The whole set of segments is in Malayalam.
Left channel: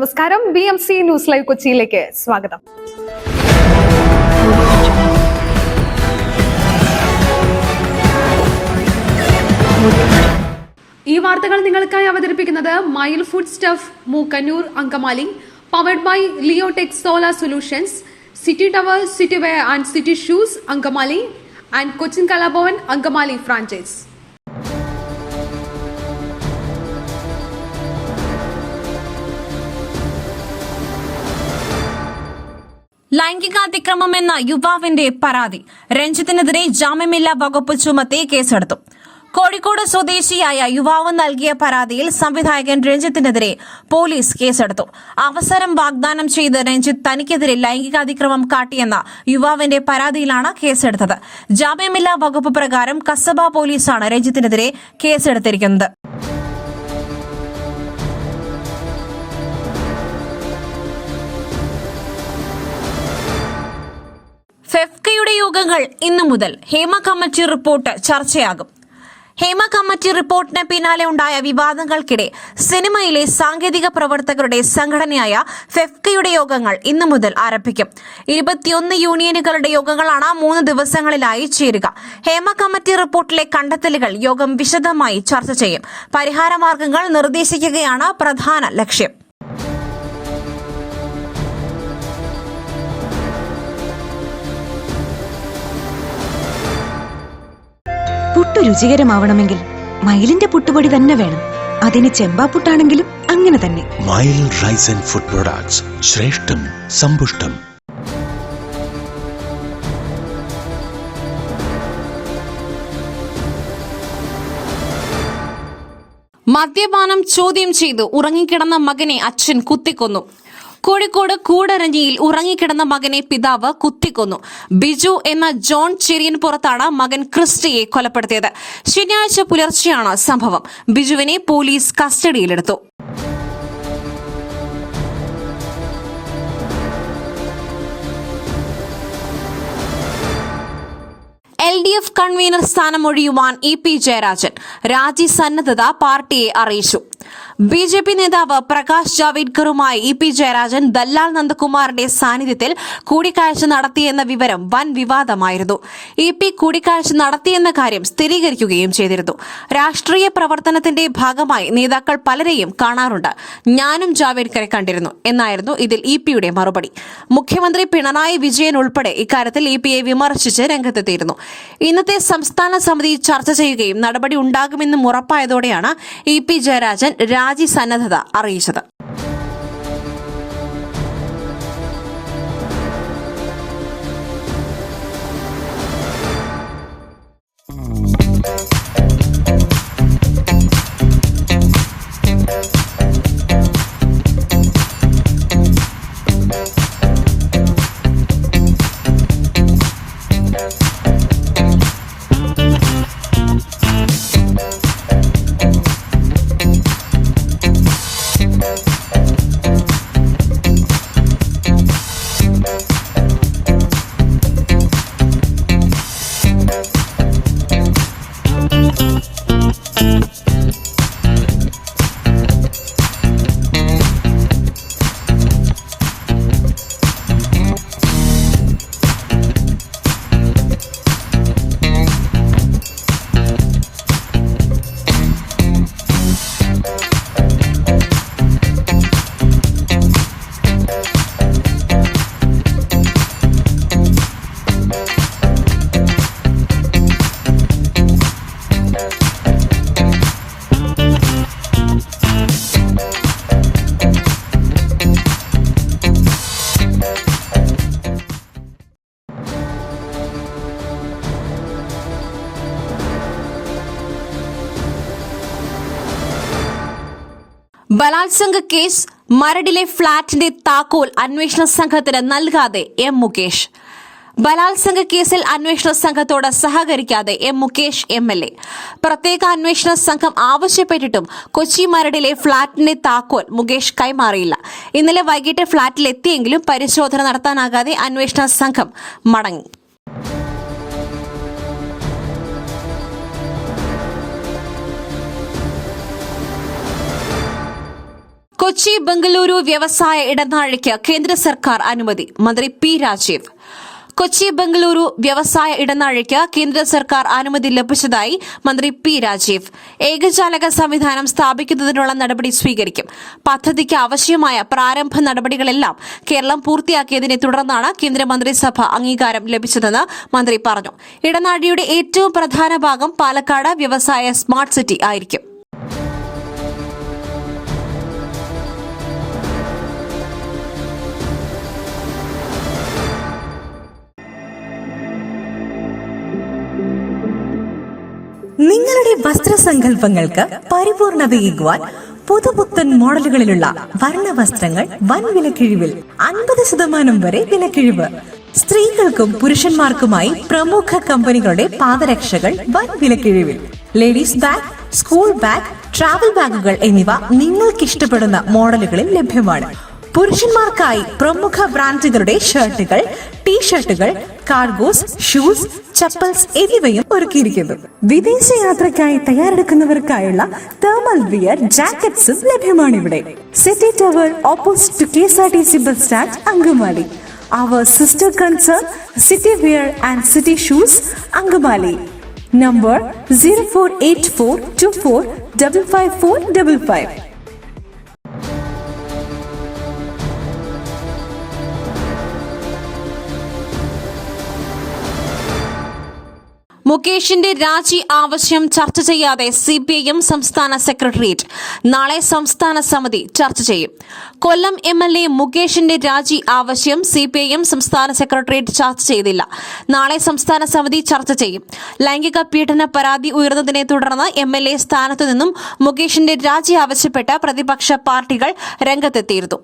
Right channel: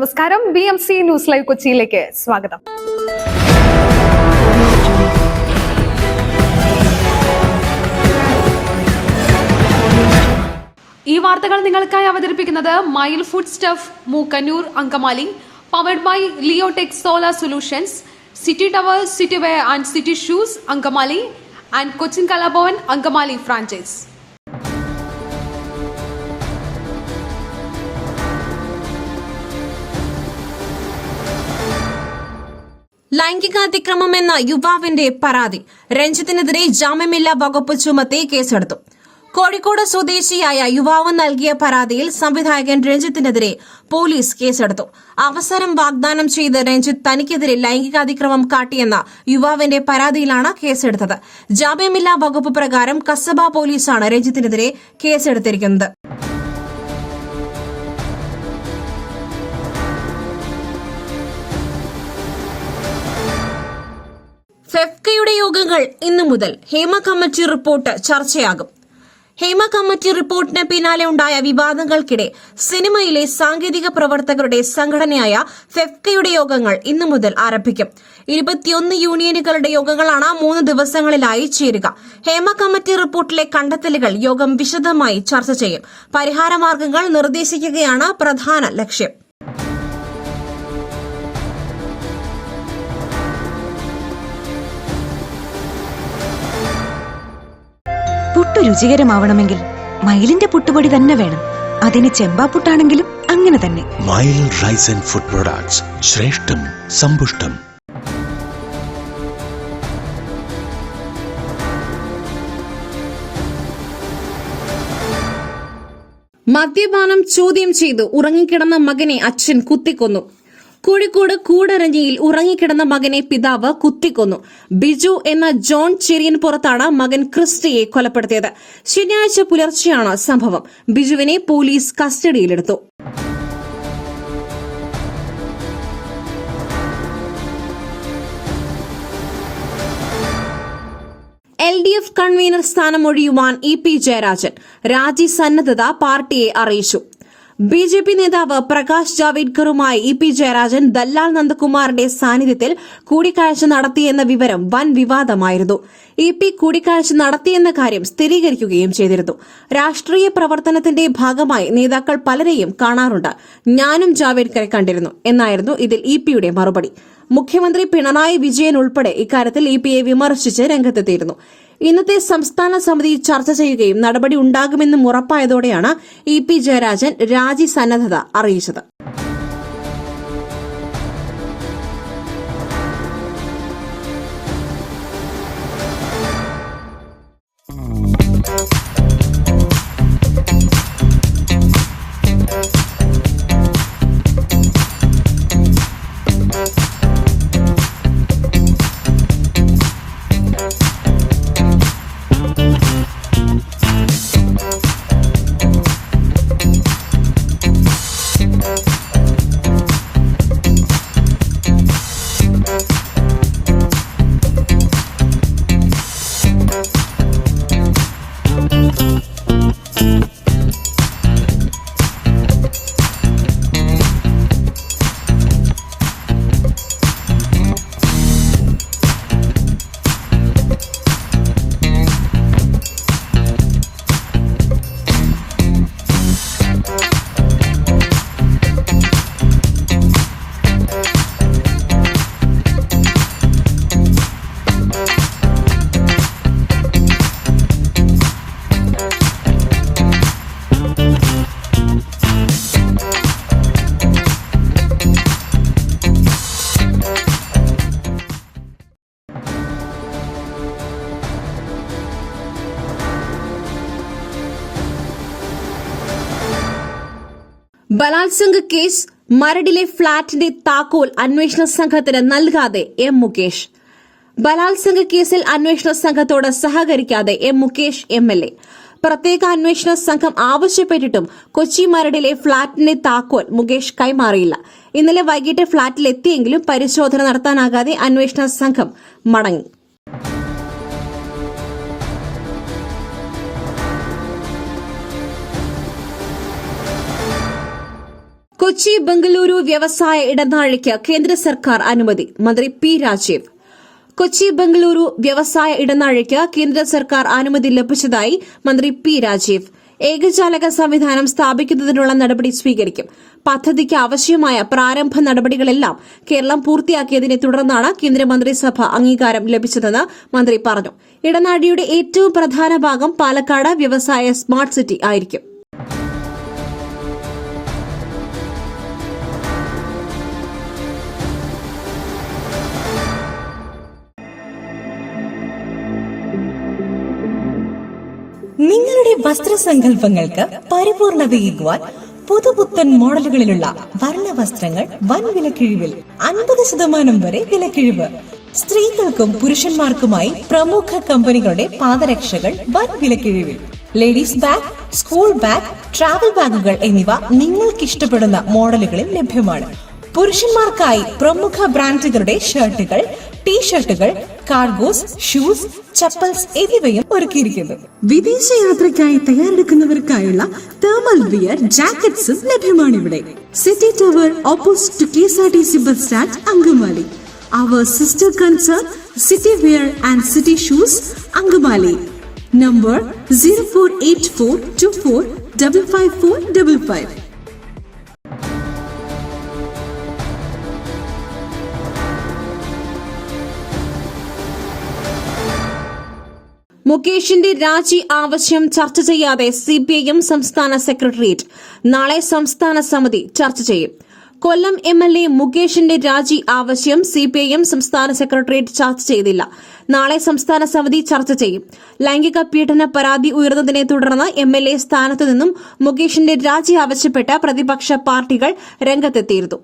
നമസ്കാരം. BMC ന്യൂസ് ലൈവ് കൊച്ചിയിലേക്ക് സ്വാഗതം. ഈ വാർത്തകൾ നിങ്ങൾക്കായി അവതരിപ്പിക്കുന്നത് mile food stuff Mookkannoor Angamaly, powered by Leotech solar solutions, city tower, city wear and city shoes Angamaly and Cochin Kalabhavan Angamaly franchise. ലൈംഗികാതിക്രമം എന്ന യുവാവിന്റെ പരാതി. രഞ്ജിത്തിനെതിരെ ജാമ്യമില്ലാ വകുപ്പ് ചുമത്തി കേസെടുത്തു. കോഴിക്കോട് സ്വദേശിയായ യുവാവ് നൽകിയ പരാതിയിൽ സംവിധായകൻ രഞ്ജിത്തിനെതിരെ പോലീസ് കേസെടുത്തു. അവസരം വാഗ്ദാനം ചെയ്ത് രഞ്ജിത്ത് തനിക്കെതിരെ ലൈംഗികാതിക്രമം കാട്ടിയെന്ന യുവാവിന്റെ പരാതിയിലാണ് കേസെടുത്തത്. ജാമ്യമില്ലാ വകുപ്പ് പ്രകാരം കസബ പോലീസാണ് രഞ്ജിത്തിനെതിരെ കേസെടുത്തിരിക്കുന്നത്. ഫെഫ്കയുടെ യോഗങ്ങൾ ഇന്നു മുതൽ. ഹേമ കമ്മിറ്റി റിപ്പോർട്ട് ചർച്ചയാകും. ഹേമ കമ്മിറ്റി റിപ്പോർട്ടിന് പിന്നാലെ ഉണ്ടായ വിവാദങ്ങൾക്കിടെ സിനിമയിലെ സാങ്കേതിക പ്രവർത്തകരുടെ സംഘടനയായ ഫെഫ്കയുടെ യോഗങ്ങൾ ഇന്നു മുതൽ ആരംഭിക്കും. 21 യൂണിയനുകളുടെ യോഗങ്ങളാണ് 3 ദിവസങ്ങളിലായി ചേരുക. ഹേമ കമ്മിറ്റി റിപ്പോർട്ടിലെ കണ്ടെത്തലുകൾ യോഗം വിശദമായി ചർച്ച ചെയ്യും. പരിഹാരമാർഗങ്ങൾ നിർദ്ദേശിക്കുകയാണ് പ്രധാന ലക്ഷ്യം. പുട്ടു രുചികരമാവണമെങ്കിൽ മയിലിന്റെ പുട്ടുപൊടി തന്നെ വേണം. അതിന് ചെമ്പാപ്പുട്ടാണെങ്കിലും അങ്ങനെ തന്നെ. മയിൽ റൈസ് ആൻഡ് ഫുഡ് പ്രൊഡക്ട്സ്, ശ്രേഷ്ഠം സമ്പുഷ്ടം. മദ്യപാനം ചോദ്യം ചെയ്ത് ഉറങ്ങിക്കിടന്ന മകനെ അച്ഛൻ കുത്തിക്കൊന്നു. കോഴിക്കോട് കൂടരഞ്ഞിയിൽ ഉറങ്ങിക്കിടന്ന മകനെ പിതാവ് കുത്തിക്കൊന്നു. ബിജു എന്ന ജോൺ ചെറിയൻപുറത്താണ് മകൻ ക്രിസ്റ്റിയെ കൊലപ്പെടുത്തിയത്. ശനിയാഴ്ച പുലർച്ചെയാണ് സംഭവം. ബിജുവിനെ പോലീസ് കസ്റ്റഡിയിലെടുത്തു. LDF കൺവീനർ സ്ഥാനം ഒഴിയുവാൻ EP ജയരാജൻ. രാജിസന്നദ്ധത പാർട്ടിയെ അറിയിച്ചു. BJP നേതാവ് പ്രകാശ് ജാവേദ്കറുമായി EP ജയരാജൻ ദല്ലാൽ നന്ദകുമാറിന്റെ സാന്നിധ്യത്തിൽ കൂടിക്കാഴ്ച നടത്തിയെന്ന വിവരം വൻ വിവാദമായിരുന്നു. EP കൂടിക്കാഴ്ച നടത്തിയെന്ന കാര്യം സ്ഥിരീകരിക്കുകയും ചെയ്തിരുന്നു. രാഷ്ട്രീയ പ്രവർത്തനത്തിന്റെ ഭാഗമായി നേതാക്കൾ പലരെയും കാണാറുണ്ട്. ഞാനും ജാവേദ്കറെ കണ്ടിരുന്നു എന്നായിരുന്നു ഇതിൽ EPയുടെ മറുപടി. മുഖ്യമന്ത്രി പിണറായി വിജയൻ ഉൾപ്പെടെ ഇക്കാര്യത്തിൽ EPയെ വിമർശിച്ച് രംഗത്തെത്തിയിരുന്നു. ഇന്നത്തെ സംസ്ഥാന സമിതി ചർച്ച ചെയ്യുകയും നടപടി ഉണ്ടാകുമെന്നും ഉറപ്പായതോടെയാണ് EP ജയരാജൻ രാജിസന്നദ്ധത അറിയിച്ചത്. ബലാത്സംഗ കേസ് മരടിലെ ഫ്ളാറ്റിന്റെ താക്കോൽ അന്വേഷണ സംഘത്തിന് നൽകാതെ M. മുകേഷ്. ബലാത്സംഗ കേസിൽ അന്വേഷണ സംഘത്തോട് സഹകരിക്കാതെ M. മുകേഷ് MLA. പ്രത്യേക അന്വേഷണ സംഘം ആവശ്യപ്പെട്ടിട്ടും കൊച്ചി മരടിലെ ഫ്ളാറ്റിന്റെ താക്കോൽ മുകേഷ് കൈമാറിയില്ല. ഇന്നലെ വൈകിട്ട് ഫ്ളാറ്റിലെത്തിയെങ്കിലും പരിശോധന നടത്താനാകാതെ അന്വേഷണ സംഘം മടങ്ങി. കൊച്ചി ബംഗളൂരു വ്യവസായ ഇടനാഴിക്ക് കേന്ദ്ര സർക്കാർ അനുമതി. മന്ത്രി പി രാജീവ്. കൊച്ചി ബംഗളൂരു വ്യവസായ ഇടനാഴിക്ക് കേന്ദ്ര സർക്കാർ അനുമതി ലഭിച്ചതായി മന്ത്രി പി രാജീവ്. ഏകജാലക സംവിധാനം സ്ഥാപിക്കുന്നതിനുള്ള നടപടി സ്വീകരിക്കും. പദ്ധതിക്ക് ആവശ്യമായ പ്രാരംഭ നടപടികളെല്ലാം കേരളം പൂർത്തിയാക്കിയതിനെ തുടർന്നാണ് കേന്ദ്രമന്ത്രിസഭ അംഗീകാരം ലഭിച്ചതെന്ന് മന്ത്രി പറഞ്ഞു. ഇടനാഴിയുടെ ഏറ്റവും പ്രധാന ഭാഗം പാലക്കാട് വ്യവസായ സ്മാർട്ട് സിറ്റി ആയിരിക്കും. നിങ്ങളുടെ വസ്ത്രസങ്കല്പങ്ങൾക്ക് പരിപൂർണതയേകുവാൻ പുതുപുത്തൻ മോഡലുകളിലുള്ള വർണ്ണ വസ്ത്രങ്ങൾ വൻ വിലക്കിഴിവിൽ 50% വരെ വിലക്കിഴിവ്. സ്ത്രീകൾക്കും പുരുഷന്മാർക്കുമായി പ്രമുഖ കമ്പനികളുടെ പാദരക്ഷകൾ വൻ വിലക്കിഴിവിൽ. Ladies bag, school bag, travel ബാഗുകൾ എന്നിവ നിങ്ങൾക്കിഷ്ടപ്പെടുന്ന മോഡലുകളിൽ ലഭ്യമാണ്. പുരുഷന്മാർക്കായി പ്രമുഖ ബ്രാൻഡുകളുടെ ഷർട്ടുകൾ, ടീഷർട്ടുകൾ, കാർഗോസ്, ഷൂസ്, ചപ്പൽസ് എന്നിവയും ഒരുക്കിയിരിക്കുന്നു. വിദേശയാത്രയ്ക്കായി തയ്യാറെടുക്കുന്നവർക്കായുള്ള തേർമൽ വിയർ, ജാക്കറ്റ്സും ലഭ്യമാണിവിടെ. City tower opposite to KSRTC bus stand, Angamaly. Our sister concern, City Wear and City Shoes, Angamali. Number 048424555555. മുകേഷിന്റെ രാജി ആവശ്യം ചർച്ച ചെയ്യാതെ CPIM സംസ്ഥാന സെക്രട്ടേറിയറ്റ്. നാളെ സംസ്ഥാന സമിതി ചർച്ച ചെയ്യും. കൊല്ലം MLA മുകേഷിന്റെ രാജി ആവശ്യം CPIM സംസ്ഥാന സെക്രട്ടേറിയറ്റ് ചർച്ച ചെയ്തില്ല. നാളെ സംസ്ഥാന സമിതി ചർച്ച ചെയ്യും. ലൈംഗിക പീഡന പരാതി ഉയർന്നതിനെ തുടർന്ന് MLA സ്ഥാനത്തു നിന്നും മുകേഷിന്റെ രാജി ആവശ്യപ്പെട്ട് പ്രതിപക്ഷ പാർട്ടികൾ രംഗത്തെത്തിയിരുന്നു.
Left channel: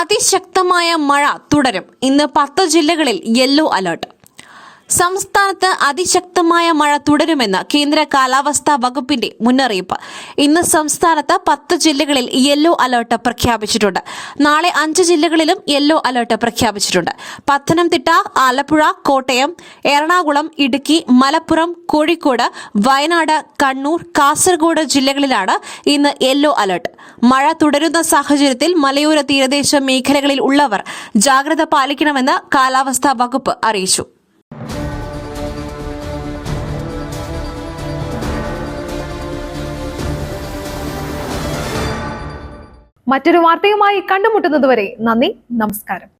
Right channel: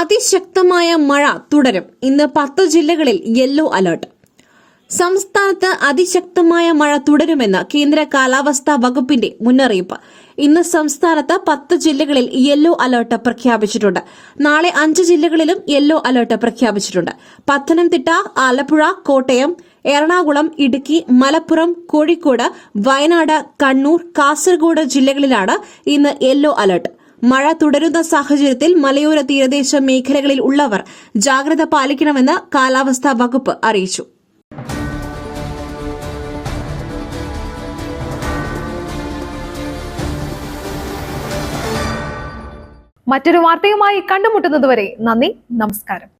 അതിശക്തമായ മഴ തുടരും. ഇന്ന് 10 ജില്ലകളിൽ യെല്ലോ അലർട്ട്. സംസ്ഥാനത്ത് അതിശക്തമായ മഴ തുടരുമെന്ന് കേന്ദ്ര കാലാവസ്ഥാ വകുപ്പിന്റെ മുന്നറിയിപ്പ്. ഇന്ന് സംസ്ഥാനത്ത് 10 ജില്ലകളിൽ യെല്ലോ അലർട്ട് പ്രഖ്യാപിച്ചിട്ടുണ്ട്. നാളെ 5 ജില്ലകളിലും യെല്ലോ അലർട്ട് പ്രഖ്യാപിച്ചിട്ടുണ്ട്. പത്തനംതിട്ട, ആലപ്പുഴ, കോട്ടയം, എറണാകുളം, ഇടുക്കി, മലപ്പുറം, കോഴിക്കോട്, വയനാട്, കണ്ണൂർ, കാസർഗോഡ് ജില്ലകളിലാണ് ഇന്ന് യെല്ലോ അലർട്ട്. മഴ തുടരുന്ന സാഹചര്യത്തിൽ മലയോര തീരദേശ മേഖലകളിൽ ഉള്ളവർ ജാഗ്രത പാലിക്കണമെന്ന് കാലാവസ്ഥാ വകുപ്പ് അറിയിച്ചു. മറ്റൊരു വാർത്തയുമായി കണ്ടുമുട്ടുന്നതുവരെ നന്ദി, നമസ്കാരം.